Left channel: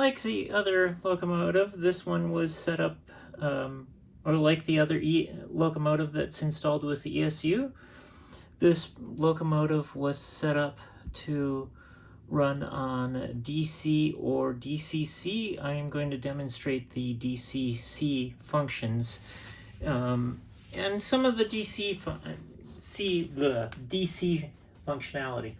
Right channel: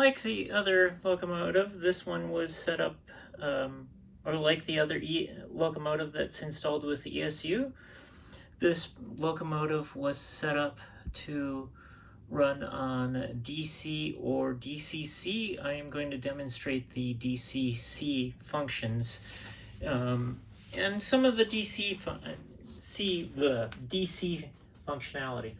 like the other locomotive, this one was set up, or like the other locomotive that's installed with the ESU, this locomotive was set up to run on DC or DCC. I am going to demonstrate the DCC functions and some of the DC functionality.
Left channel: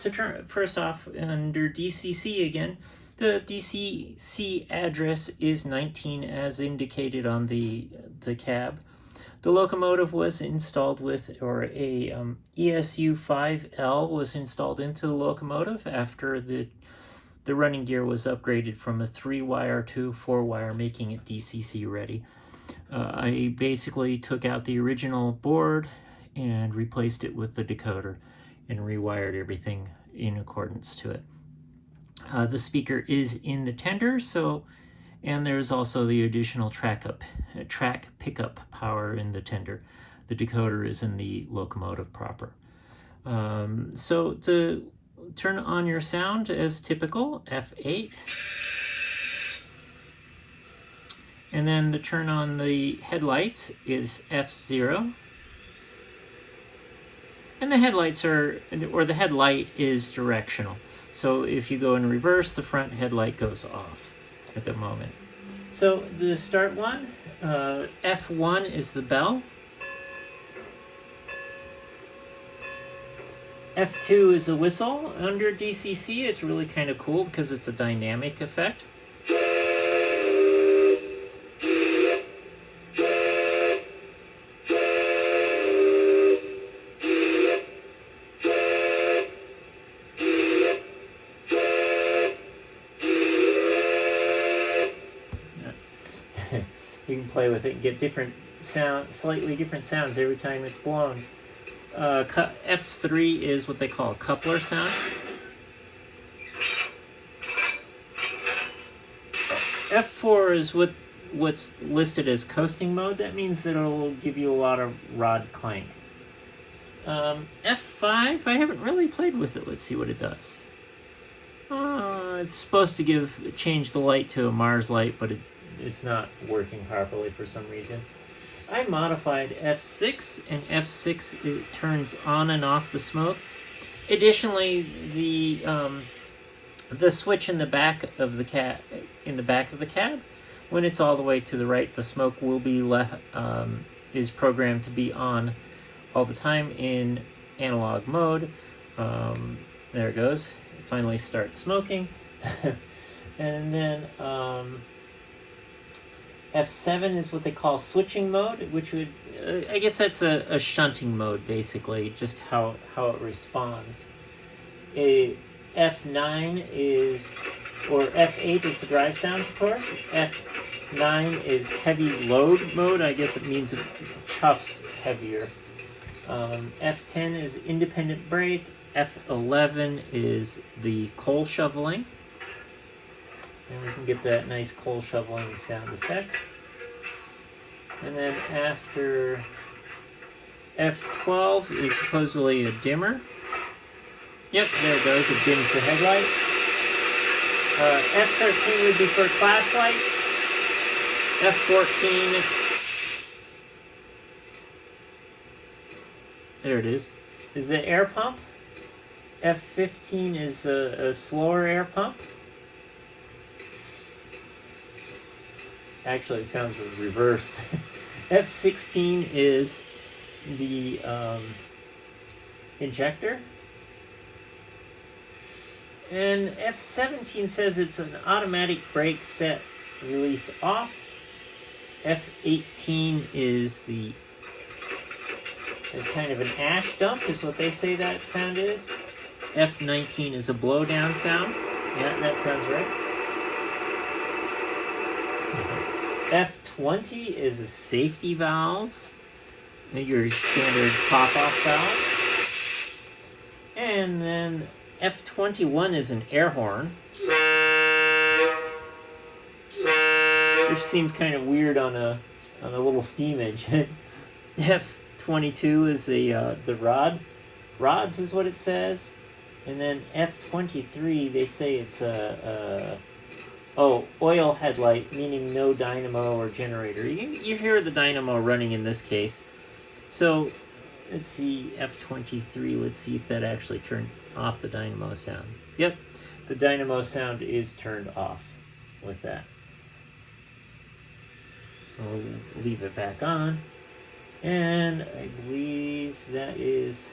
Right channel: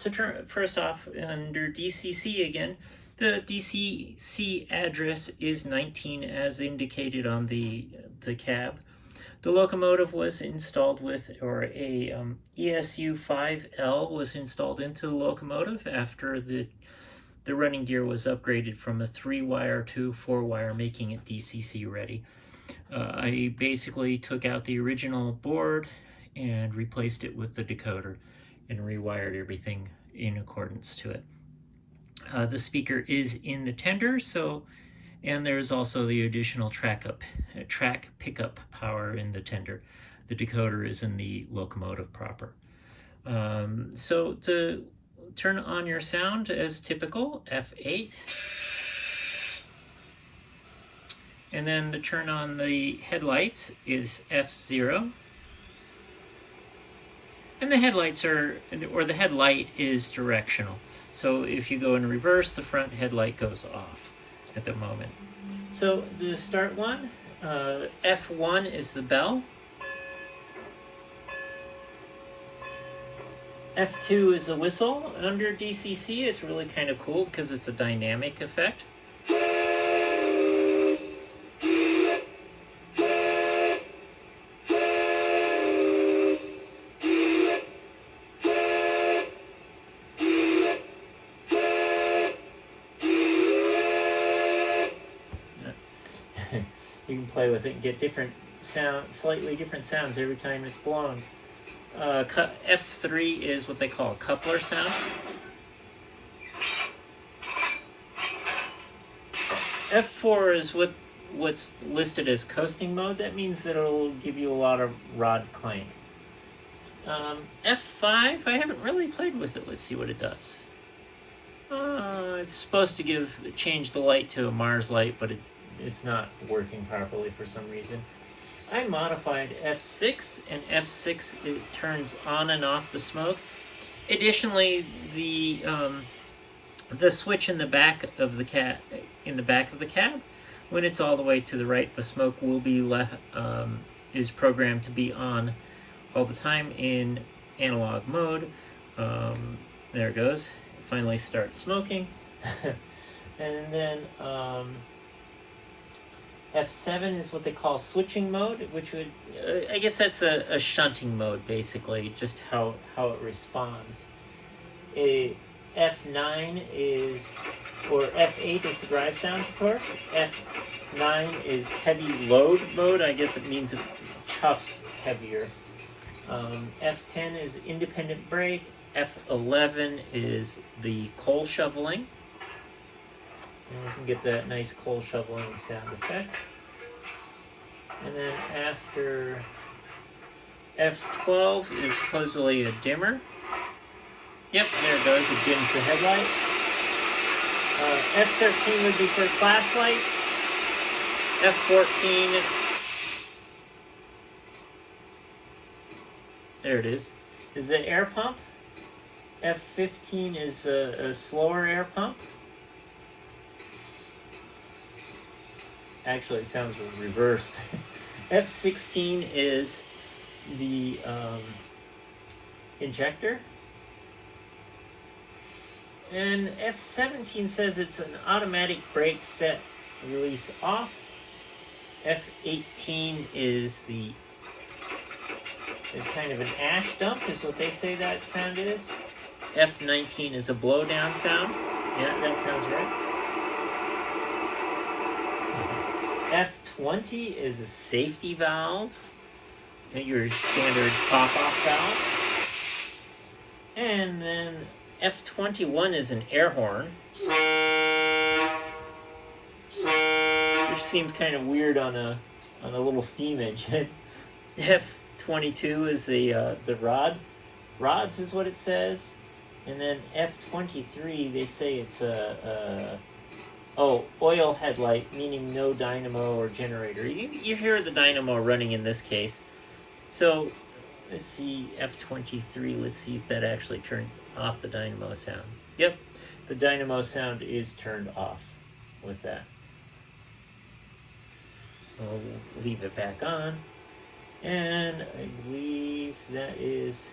To turn first off, under DCC again, the DCC address is 19 as indicated on the cab. The locomotive was installed with, or a ESU 5L was installed into the locomotive after the running gear was upgraded from a 3-wire to 4-wire, making it DCC ready. I basically took out the original board and replaced it with the decoder and rewired everything in accordance to it. The speaker is in the tender, and there's also the additional track pickup power in the tender. The decoder is in the locomotive proper. So to turn on your sound as typical, F8. And then to turn on the headlights is F0. And the headlights the headlight is directional. So if you go in reverse, the front headlight goes off at the moment. So to start one, F1 is the bell. F2 is the whistle. Under DCC, it's really kind of cool because it's a dynamic effect. You can play with it and get different slightly different sounds every time it's blown. F3 is what they call a coupler sound. F4 is what's listed as coasting mode. That means that it'll give you a lot of rod clank. F5, I haven't really played with it. Let's see what it does. It's supposed to change the light to a Mars light, but it's not working properly for some reason. I modified F6, and F6 it turns on and off the smoke. Additionally, the switch in the back of the cab, when it's all the way to the right, the smoke will be is programmed to be on all the time in analog mode. There it goes. It finally starts smoking, and then. F7 is what they call switching mode, which would, I guess that's a shunting mode, basically, just how it responds. F9 is, or F8 is the drive sounds, of course. F9 is heavy load mode. I guess it means it chuffs heavier. F10 is independent brake. F11 is the coal shoveling. And we can get that nice coal shoveling sound effect. And then after F12 is supposedly a dimmer. Yep, there it goes. It dims the headlight. F13 would be for class lights. F14. There it is the air pump. F15 is a slower air pump. Actually, it sounds reversed. F16 is the injector. And F17 says it's an automatic brake set release off. F18 is kind of an ash dump, is what they say that sound is. F19 is a blowdown sound. Yeah, that sounds right. F20 is a safety valve, your standard pop-off valve. And then F21 is an air horn, which seems kind of weird on a little steam engine. F22 is the rods is what it says. And then F23, they say it's a Oh, oil headlight, meaning no dynamo or generator. You hear the dynamo running in this case. So let's see, F23, let's see if that actually turned off the dynamo sound. Yep, the dynamo sound is turned off with that. We'll leave it back on. And I believe that is...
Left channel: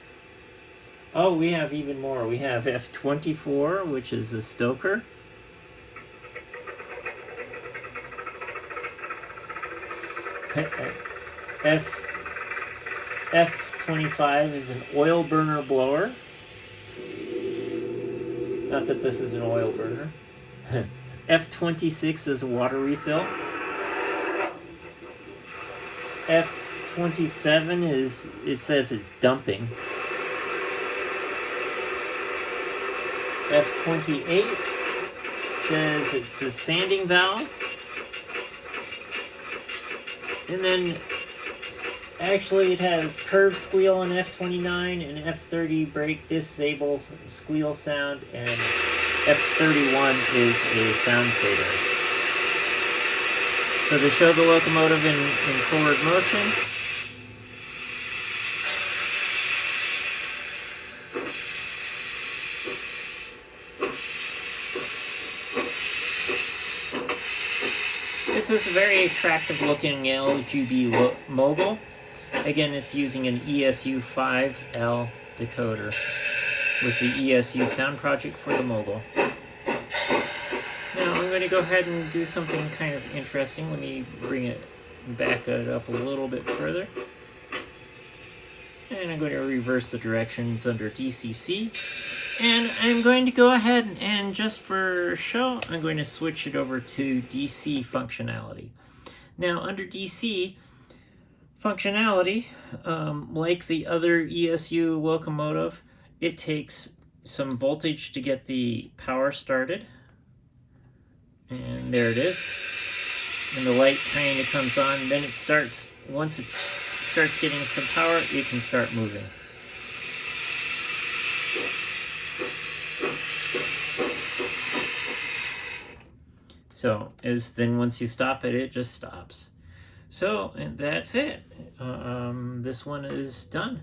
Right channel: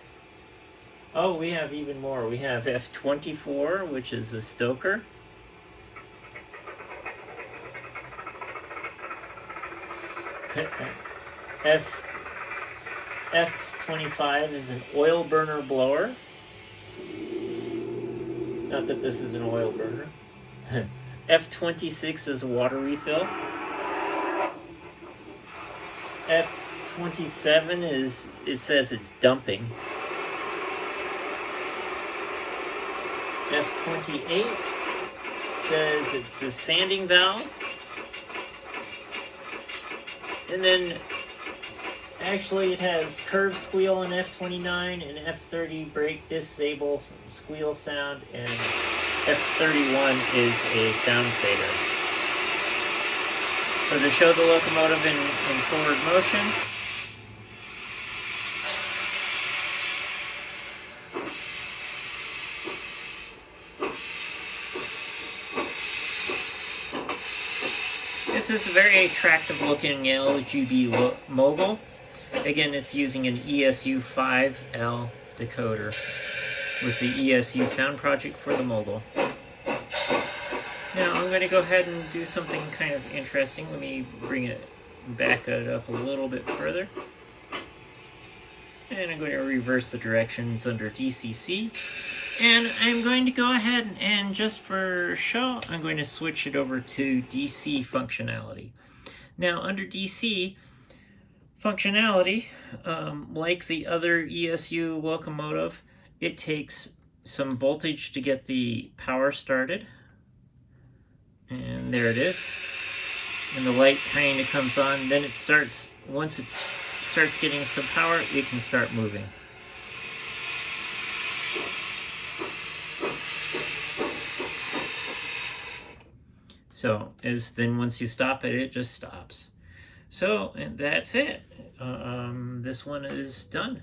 Oh, we have even more. We have F24, which is the stoker. F25 is an oil burner blower. Not that this is an oil burner. F26 is a water refill. F27 is, it says it's dumping. F28 says it's a sanding valve. And then actually it has curve squeal on F29 and F30 brake disable squeal sound, and F31 is a sound fader. So to show the locomotive in forward motion, this is a very attractive looking LGB Mogul. Again, it's using an ESU 5L decoder with the ESU sound project for the Mogul. Now I'm going to go ahead and do something kind of interesting. Let me back it up a little bit further. And I'm going to reverse the directions under DCC. And I'm going to go ahead and just for show, I'm going to switch it over to DC functionality. Now under DC functionality, like the other ESU locomotive, it takes some voltage to get the power started. And there it is. And the light kind of comes on. Then it starts, once it starts getting some power, it can start moving. So, then once you stop it, it just stops. So, and that's it. This one is done.